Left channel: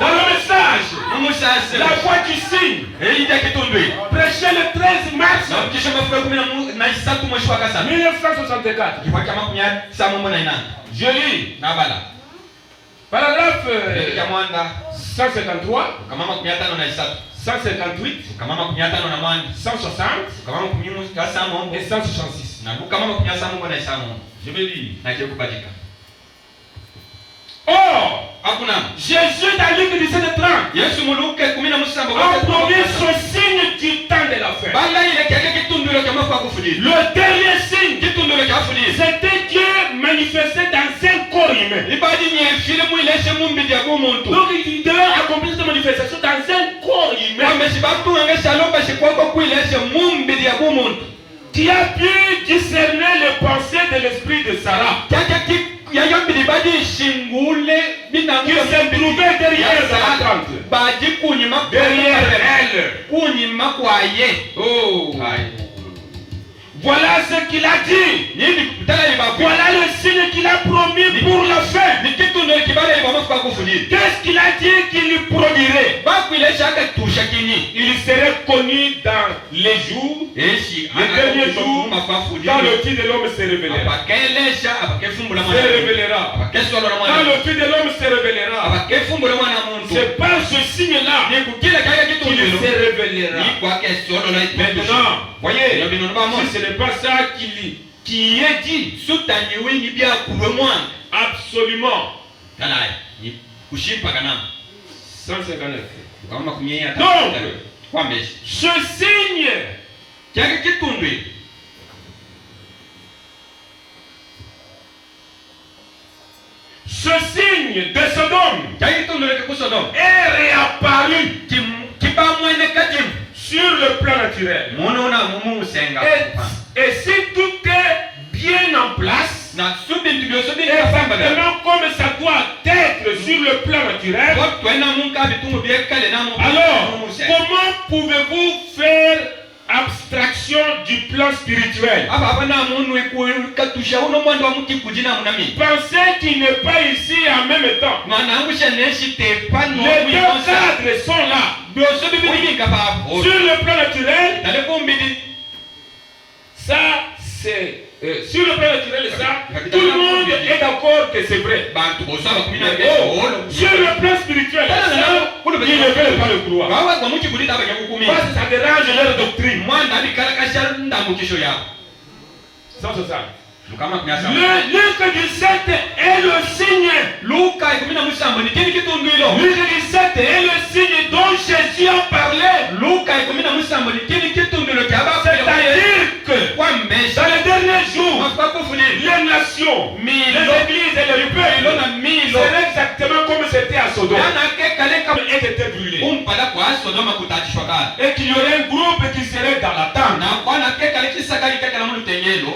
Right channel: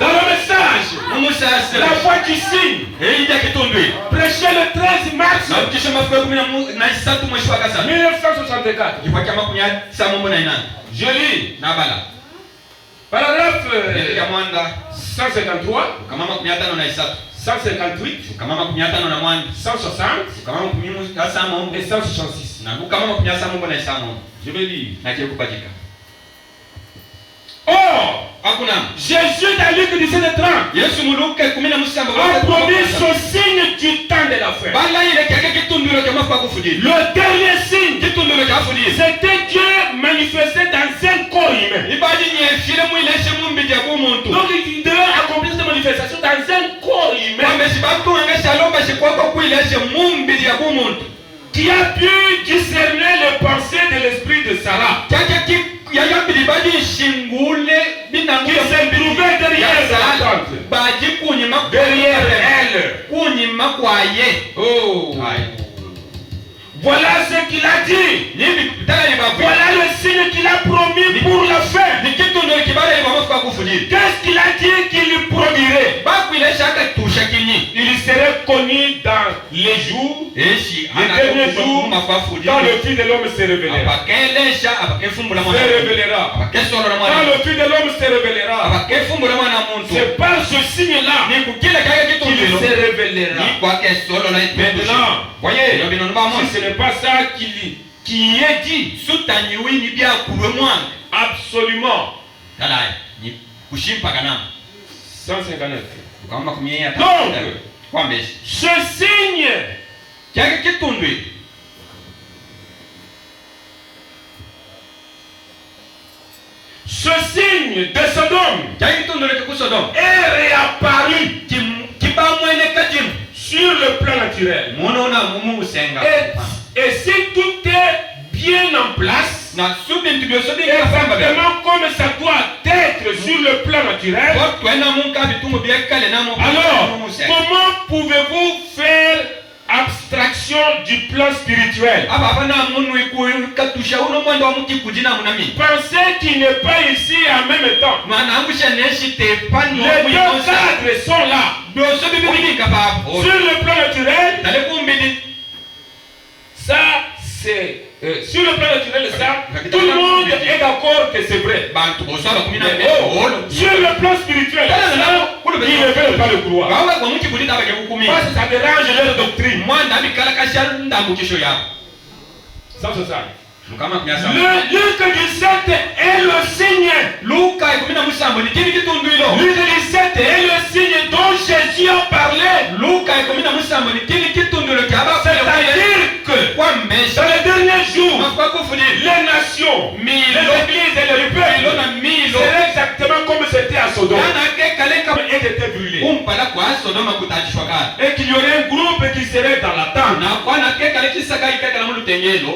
Dans le message, la foi qui signe. Prêché le 13 mars 1964. Je lis. Paragraphe 153, 158, 160 et 166. Je vais lire. Or, Jésus dans Luc 17:30 a promis ce signe du temps de la fin. Le dernier signe, c'était Dieu manifesté dans un corps humain. Donc il devait accomplir cette manifestation dans un corps humain qui a pu discerner les pensées de l'esprit de Sarah, qui se trouvait derrière elle. Oh. Voilà ce qu'il a dit. Voilà le signe qu'il a promis pour la fin. Qu'est-ce qu'il a dit qu'il lui produirait? Il serait connu dans les jours, les derniers jours, quand le Fils de l'homme se révélera. Quand le Fils de l'homme se révélera, c'est par ce signe-là qu'il se révélera. Maintenant, voyez, si ce n'est pas ça qui est dit, absolument. 159. Donc, ce signe de Sodome est réapparu sur le plan naturel. Et si tout est bien en place, exactement comme ça doit être sur le plan naturel, alors comment pouvez-vous faire abstraction du plan spirituel? Pensez qu'il n'est pas ici en même temps. Les deux cadres sont là. Sur le plan naturel, ça c'est sur le plan naturel, ça, tout le monde est d'accord que c'est vrai. Sur le plan spirituel, ça, ils ne veulent pas le croire. Parce que ça dérange leur doctrine. Ça, c'est ça. Le Luc 17 est le signe. Luc 17 est le signe dont Jésus a parlé. C'est-à-dire que dans les derniers jours, les nations, les églises et les peuples seraient exactement comme c'était à Sodome. Et étaient brûlés. Et qu'il y aurait un groupe qui serait dans la tente.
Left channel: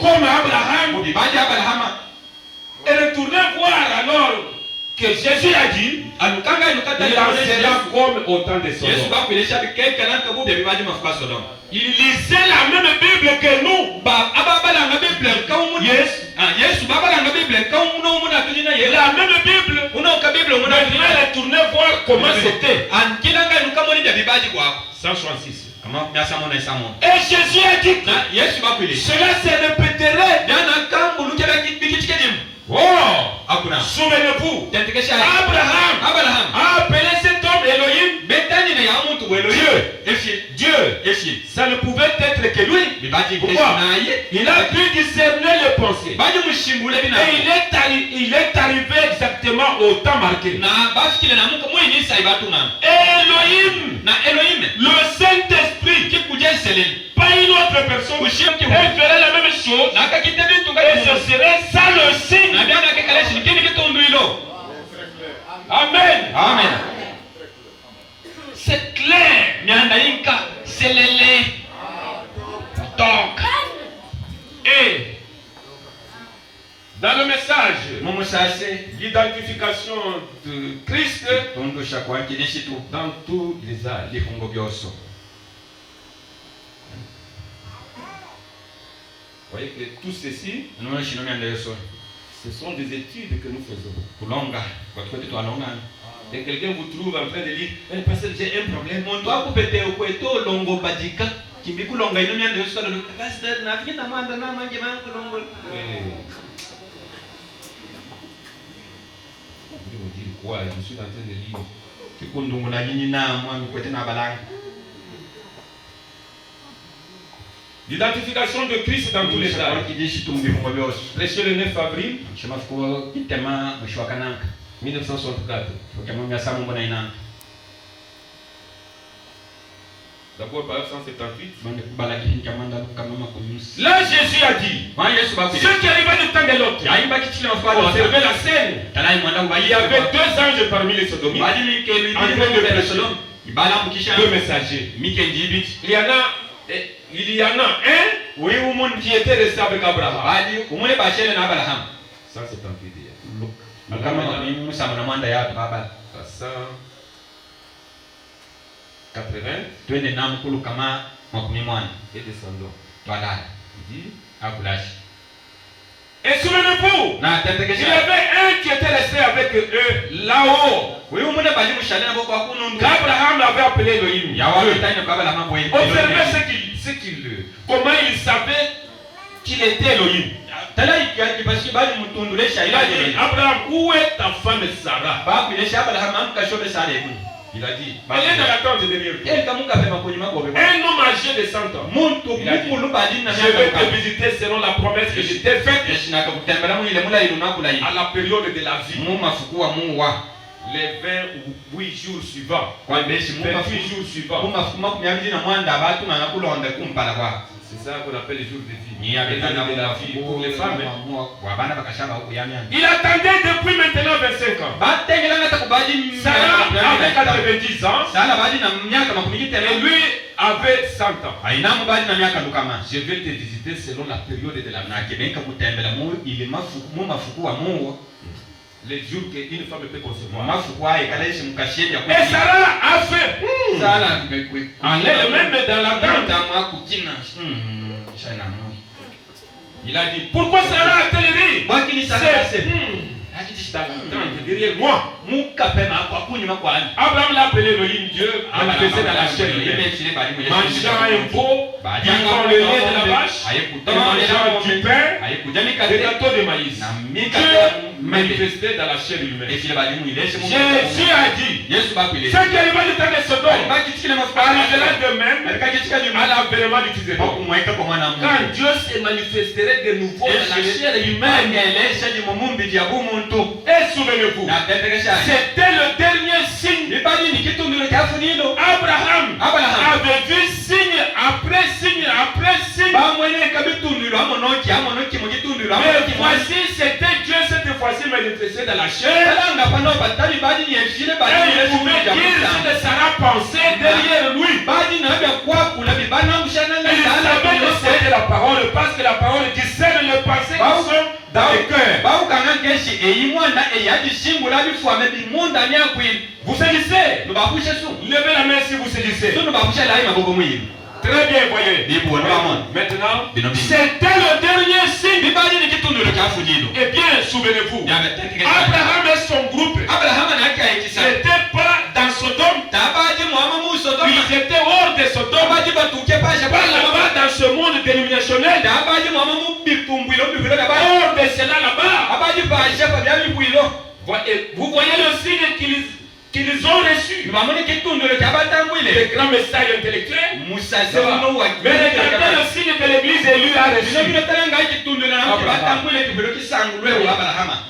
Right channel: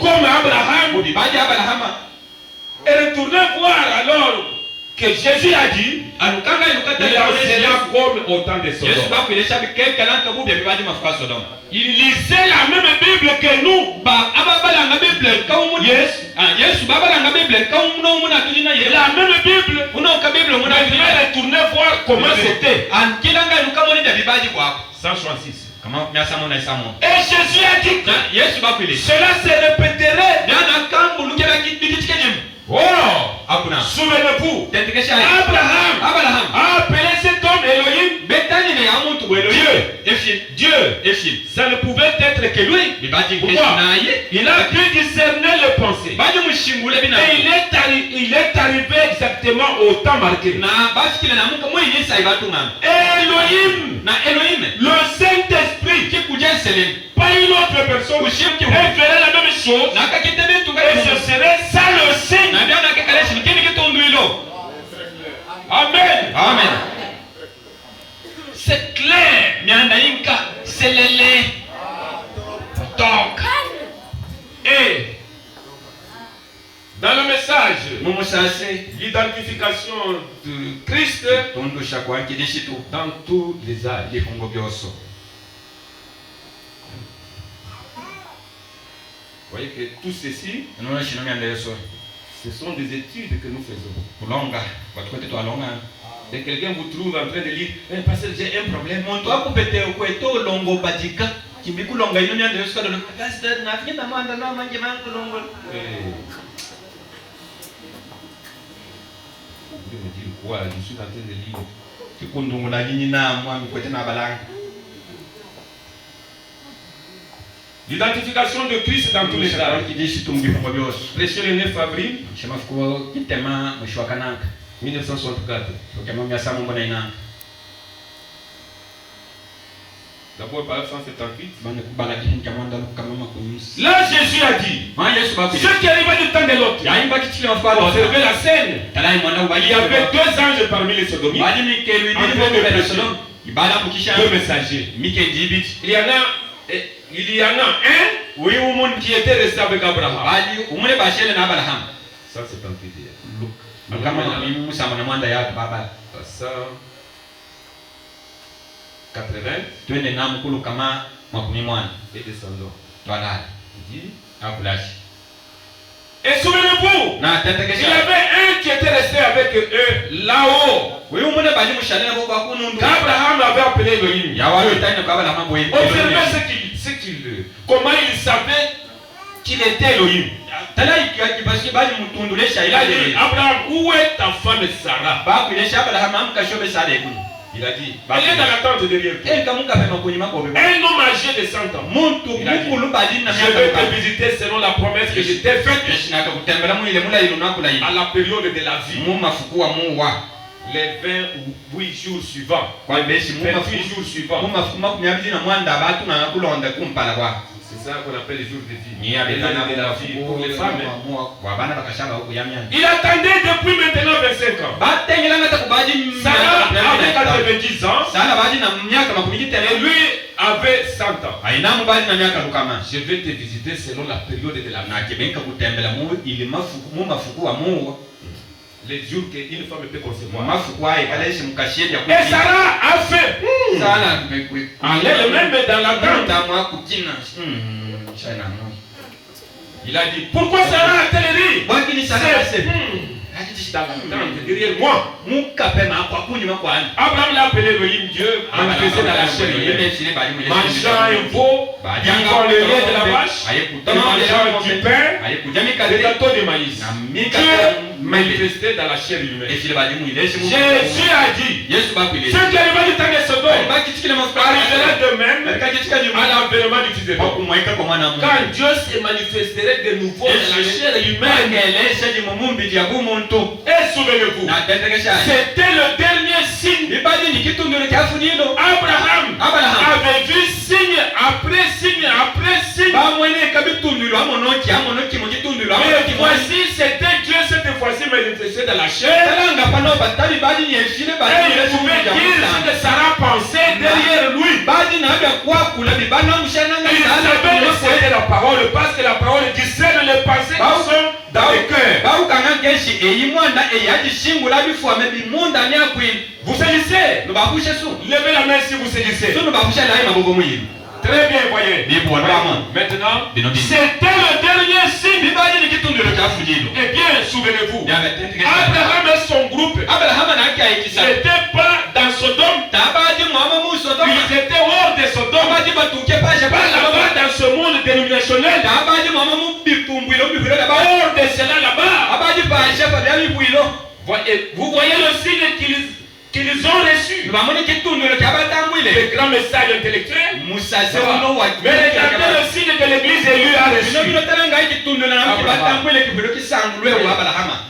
Comme Abraham. Et retournez voir alors que Jésus a dit, il enseignait comme au temps de Sodome. Il lisait la même Bible que nous. Yes. La même Bible. Il devait retourner voir comment c'était. 166. Et Jésus a dit que cela se répéterait. Oh, souvenez-vous, Abraham a appelé cet homme Elohim, Dieu. Ça ne pouvait être que lui. Pourquoi? Il a pu discerner les pensées. Et il est arrivé exactement au temps marqué. Elohim, le Saint-Esprit, pas une autre personne, qui ferait la même chose. Et ce serait ça le signe. Amen. C'est clair. Donc, et dans le message, l'identification de Christ dans tous les âges. Vous voyez que tout ceci, Ce sont des études que nous faisons. Et quelqu'un vous trouve en train de lire, parce que j'ai un problème. Vous me dire quoi? Je suis en train de lire. L'identification de Christ dans tous les âges. Prêché le 9 avril 1964. D'abord par 178. Là Jésus a dit, ceux qui arrivaient du temps de l'autre, observaient la scène. Il y avait 2 anges parmi les sodomites, en train de prêcher, 2 messagers. Il y en a un qui était resté avec Abraham. Ça c'est un idée. Ça 80 et descendants. Et souvenez-vous, il y avait un qui était resté avec eux là-haut. Abraham avait appelé Elohim. Observez comment il savait qu'il était Elohim. Il a dit, Abraham, où est ta femme Sarah? Il a dit, elle est dans la tente derrière toi. Un homme âgé de 100 ans. Il a dit, je vais te visiter selon la promesse que je t'ai faite à la période de la vie. Les 28 jours suivants. Les 28 jours suivants. C'est ça qu'on appelle les jours de vie. Les années de la vie pour les femmes. Il attendait depuis maintenant 25 ans. Sarah avait 90 ans. Et lui avait 100 ans. Je vais te visiter selon la période de la vie. Les jours qu'une femme peut concevoir. Et Sarah a fait. Elle-même dans la tente. Il a dit, pourquoi Sarah a-t-elle ri? Derrière moi. Abraham l'a appelé Elohim, Dieu manifesté dans la chair. Mangeant un veau, buvant le lait de la vache, mangeant du pain, des gâteaux de maïs. Dieu manifesté dans la chair humaine. Jésus a dit, ceux qui arrivent du temps de Sodome arrivera de même à l'avènement du Fils de l'homme. Quand Dieu se manifesterait de nouveau dans la chair humaine. Et souvenez-vous, c'était le dernier signe. Abraham avait vu signe après signe après signe. Mais voici, c'était Dieu cette fois-ci manifesté dans la chair. Et il pouvait dire ce que Sarah pensait derrière lui. Il savait que c'était la parole, parce que la parole discerne les pensées qui sont dans le cœur. Vous saisissez? Levez la main si vous saisissez. Très bien, voyez. Maintenant, c'était le dernier signe. Eh bien, souvenez-vous, Abraham et son groupe n'étaient pas dans Sodome. Ils étaient hors de Sodome. Pas là-bas dans ce monde dénominationnel. Hors de cela là-bas. Vous voyez le signe qu'ils ont reçu. Le grand message intellectuel. Mais regardez le signe que l'église élue a reçu.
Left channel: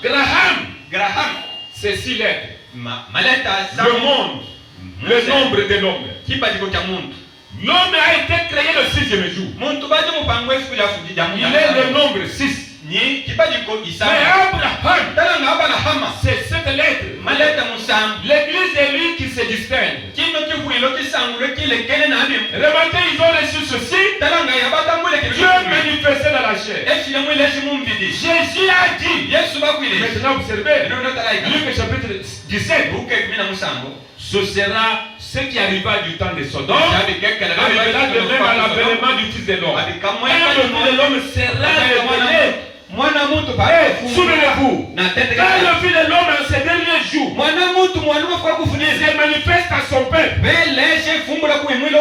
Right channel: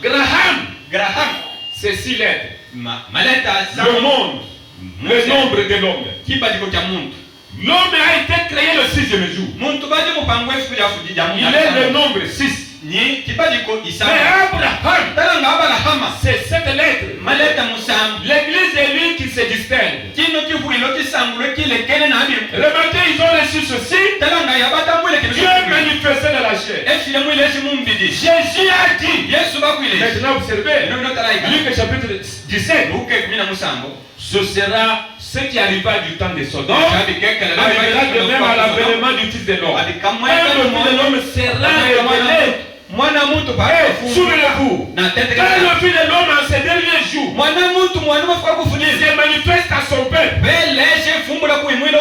Graham, c'est 6 lettres. Le monde, le nombre de l'homme. L'homme a été créé le 6e jour. Il est le nombre 6. Mais Abraham, c'est cette lettre. L'église est lui qui se distingue. Remarquez, ils ont reçu ceci. Dieu manifesté dans la chair. Jésus a dit. Maintenant observez. Luc chapitre 17. Ce sera ce qui arriva du temps de Sodome. Arrivera de même à l'avènement du Fils de l'homme. Et le Fils de l'homme sera révélé Souvenez-vous, Na tete quand le Fils de l'homme en ces derniers jours mwana muntu mwana mafuka kufunyeza se manifeste à son peuple, beleshe fumbo la kuimwilo